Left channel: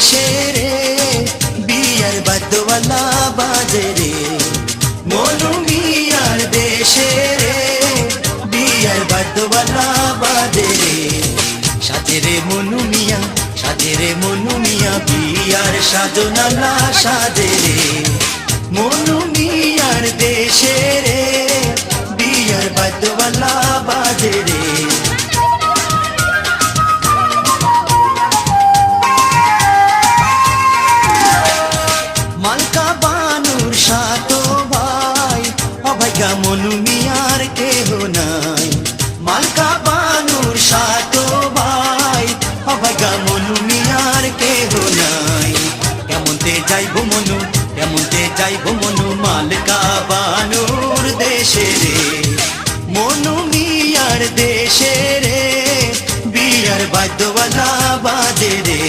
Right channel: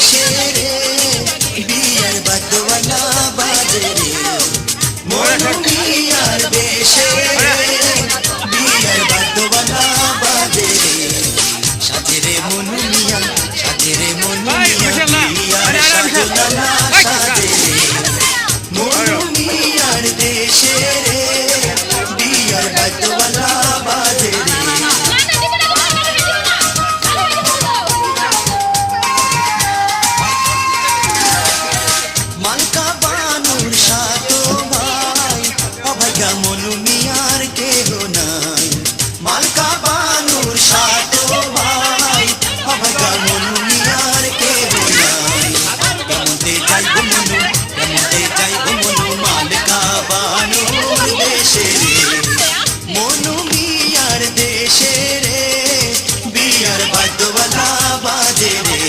দেশে রে বিয়ার বাদ্যওয়ালা বাজে রে মনু মিয়ার দেশে রে বিয়ার বাদ্যওয়ালা বাজে রে সাজে রে মনু মিয়া সাজে রে মনু মিয়া বিয়ার সাজনা না সাজে রে মনু মিয়ার দেশে রে বিয়ার বাদ্যওয়ালা বাজে রে মালকা বানুর সাতো ভাই অভাগা মনু মিয়ার কেহ নাই মালকা বানুর সাতো ভাই অভাগা মনু মিয়ার কেহ নাই কেমনতে যাইব মনু মালকা বানুর দেশে রে মনু মিয়ার দেশে রে বিয়ার বাদ্যওয়ালা বাজে রে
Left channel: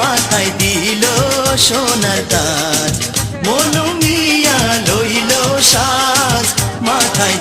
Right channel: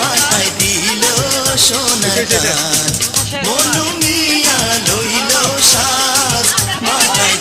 মাথায় দিল সোনার তাজ মনু মিয়া লইল সাজ মাথায়